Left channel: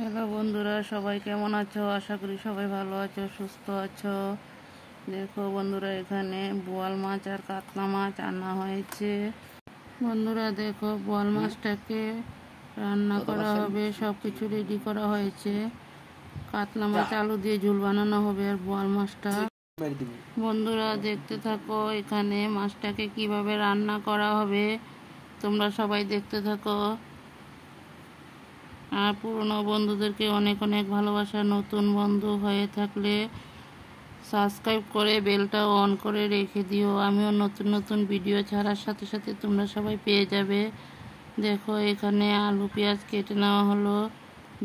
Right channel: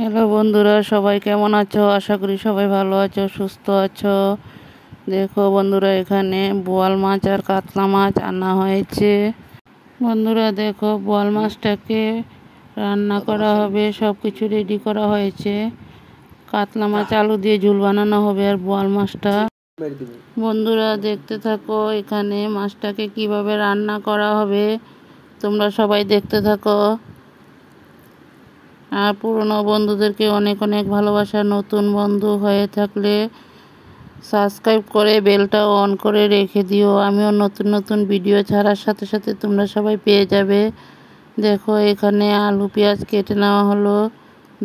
Hello বন্ধুরা, সবাই কেমন আছো? আশা করি সবাই ভালো আছো, সুস্থ আছো। দেখো বন্ধুরা, এখানে বোয়াল মাছ আর কাতলা মাছ আনা হয়েছে। বন্ধুরা দেখো, বোয়াল মাছটাকে রান্না করা হবে, সব কিছু রেডি করা হয়েছে। কাতলা মাছ আলু দিয়ে ঝোল বানানো হবে আর বোয়াল মাছটা। বন্ধুরা দেখতে থাকো, এখানে মাছটাকে কিভাবে রান্না করা হবে তোমরা সবাই দেখতে থাকো। আর পুরনো বন্ধুদেরকে অনেক অনেক ভালোবাসা। নতুন বন্ধু হয়ে থাকলে সাবস্ক্রাইব করে বেলটা অন করে রেখে দিও। আমিও নতুন নতুন ভিডিও ছাড়ার সাথে সাথে তোমরা সবাই পেয়ে যাবে। দেখো, এখানে আলু পেঁয়াজ কেটে নেওয়া হলো,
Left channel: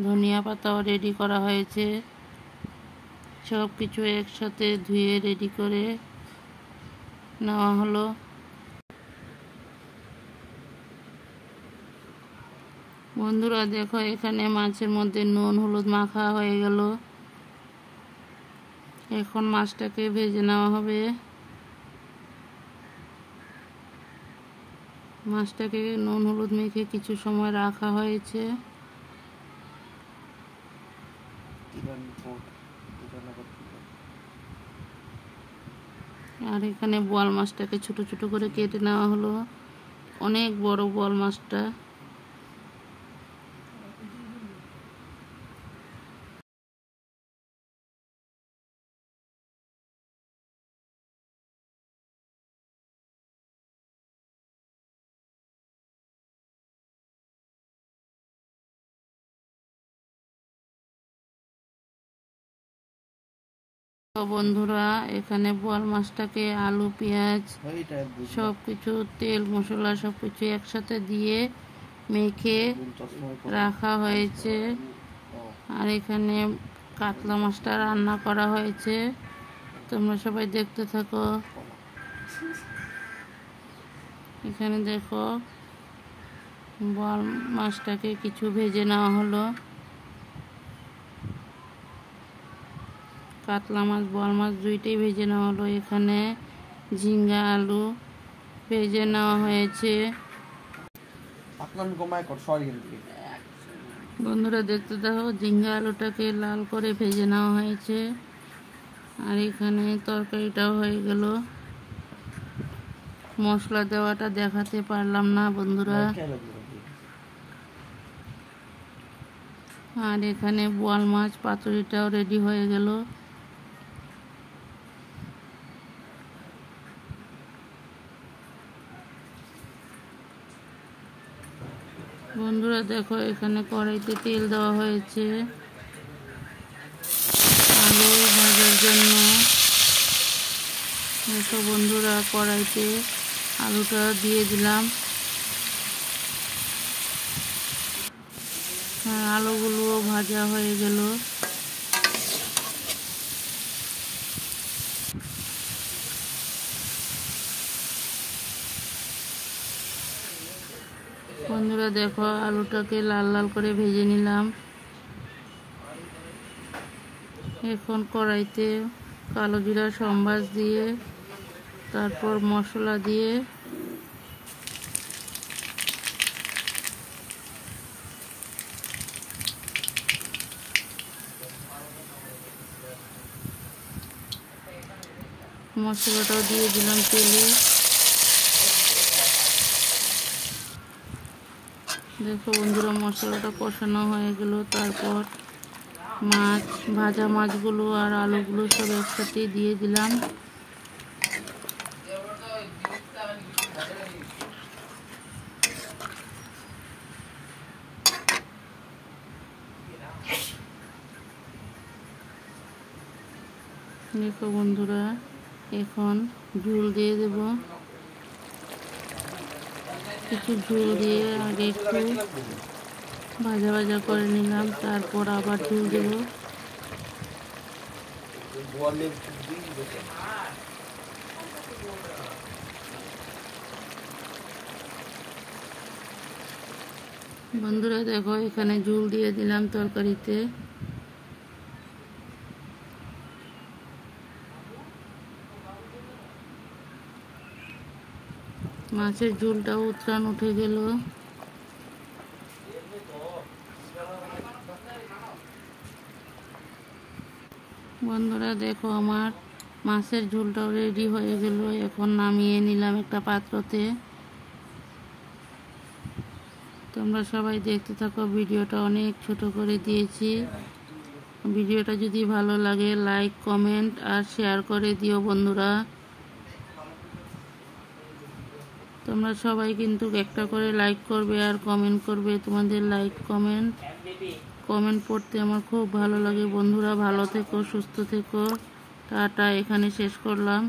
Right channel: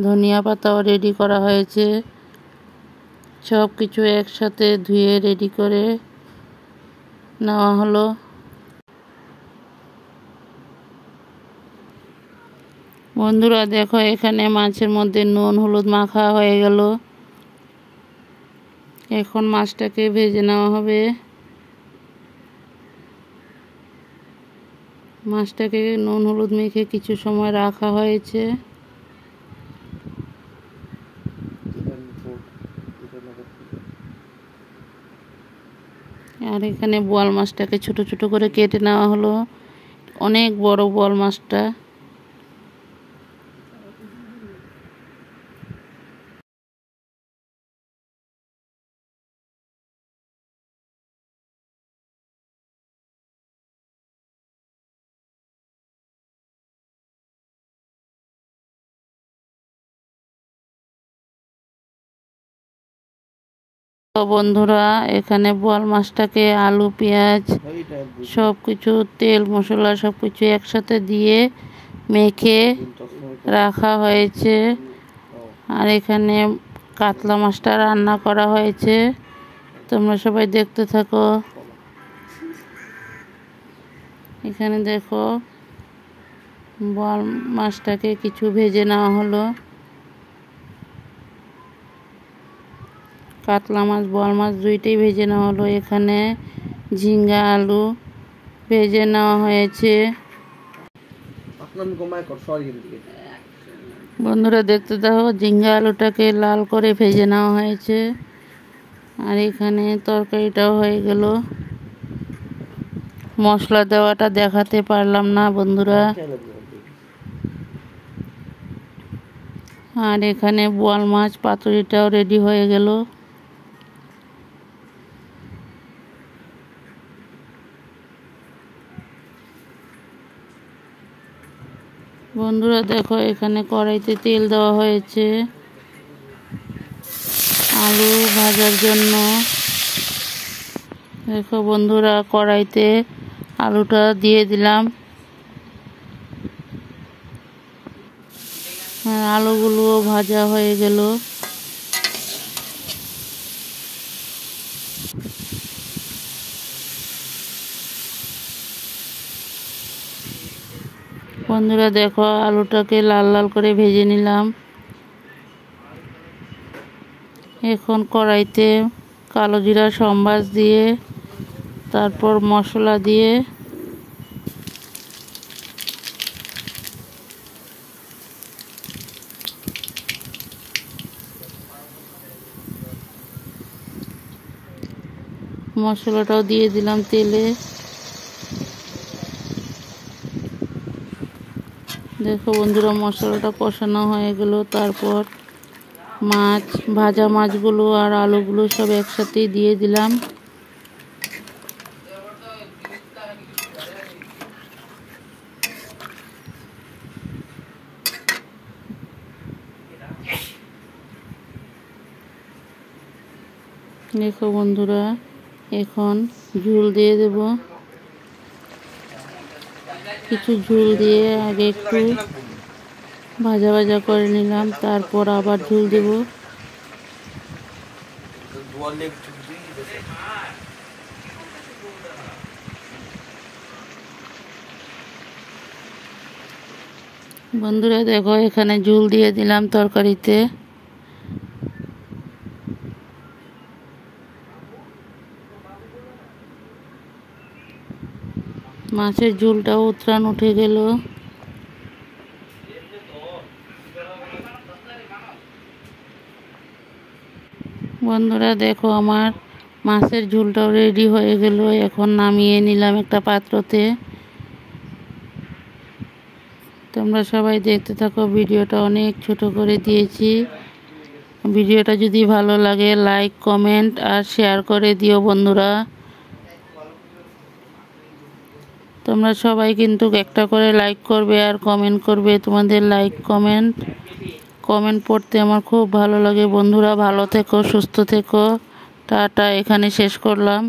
ধনিয়া পাতাও রেডি করা হয়েছে। সব কিছু একসাথে ধুয়ে রেডি করে নেওয়া হলো। বন্ধুরা দেখো, এখানে মাছের মধ্যে নুন হলুদ মাখা হয়ে গেল। এখন মাছটাকে ভেজে নেওয়া হবে। মাছটাকে নুন হলুদ মেখে কিছু সময় রাখা হয়েছে। আর এখানে বোয়াল মাছটাকে ছোট ছোট করে কেটে নেওয়া হলো। অনেক বড় বোয়াল মাছটা। তো বন্ধুরা, এখানে বোয়াল মাছটাকে আলু পেঁয়াজ সব কিছু তেল মশলা সব কিছু একসাথে দিয়ে মেখে রাখা হয়েছে। আর এখানে কাতলা মাছটা রান্না করা হয়েছে। তোমরা সবাই দেখতে থাকো। এখানে দেখো, বোয়াল মাছটাকে কিছু ভেজে নেওয়া হলো। কাতলা মাছ বোয়াল মাছ দুইটাই ভেজে নেওয়া হলো। এখানে ঝিঙ্গা আলু ভেজে নেওয়া হয়েছে। বন্ধুরা দেখতে দেখো, ঝিঙ্গা আলুটাকে লাল করে ভেজে নেওয়া হয়েছে। আর এখানে তরকারিটাও হয়ে গেল। মশলা দেওয়াটা দেখাতে পারলাম না বন্ধুরা। আর এখানে বোয়াল মাছ পাতুরিটাও রেডি হয়ে গেল। বন্ধুরা দেখো, এখানে কড়াইতে তেল দেওয়া হয়েছে আলু ভাজার জন্য। দেখো বন্ধুরা, কড়াইতে আলুটা দিয়ে দিলাম। আলুগুলো ভাজা হয়ে গেল। বন্ধুরা দেখো, আলুটাকে লাল লাল করে ভেজে নিলাম। এখন কড়াইতে কালো জিরা সম্বাস দিয়ে তারপর মশলা দিয়ে মশলাটাও দিয়ে দিলাম তেলে। দেখো বন্ধুরা, মশলাটা কষানো হয়ে গেল। তারপর মাছ ভাজা মাছগুলো আর আলুগুলো সব একসাথেই দিয়ে দিলাম। দেখো বন্ধুরা, এখন ঝোল দিয়ে দেব। কিছু ঝোল দিয়ে আগে একটু ভাজা ভাজা করে নিলাম, তারপর আবার ঝোল দেব। বন্ধুরা দেখো, এখানে ঝোল দিয়ে দিলাম তরকারিতে। মাছের ঝোলটাও উতরান উঠে গেল। বন্ধুরা দেখো আমার মাছের ঝোলটাও রেডি হয়ে গেল। এখন নামিয়ে নিলাম একটা পাত্রতে। তোমরা সবাই দেখতে থাকো, ভিডিওটা অনেক ছোট করে দিয়েছি। ভিডিওটা যদি ভালো লাগে লাইক কমেন্ট আর শেয়ার করে দিও বন্ধুরা। তোমরা সবাই কিন্তু একটা করে লাইক করবে আর কমেন্ট করবে। তোমাদের লাইক কমেন্ট পড়তে আমার খুব ভালো লাগে বন্ধুরা। ভালো থেকো, সুস্থ থেকো। টাটা, এখানে শেষ করলাম।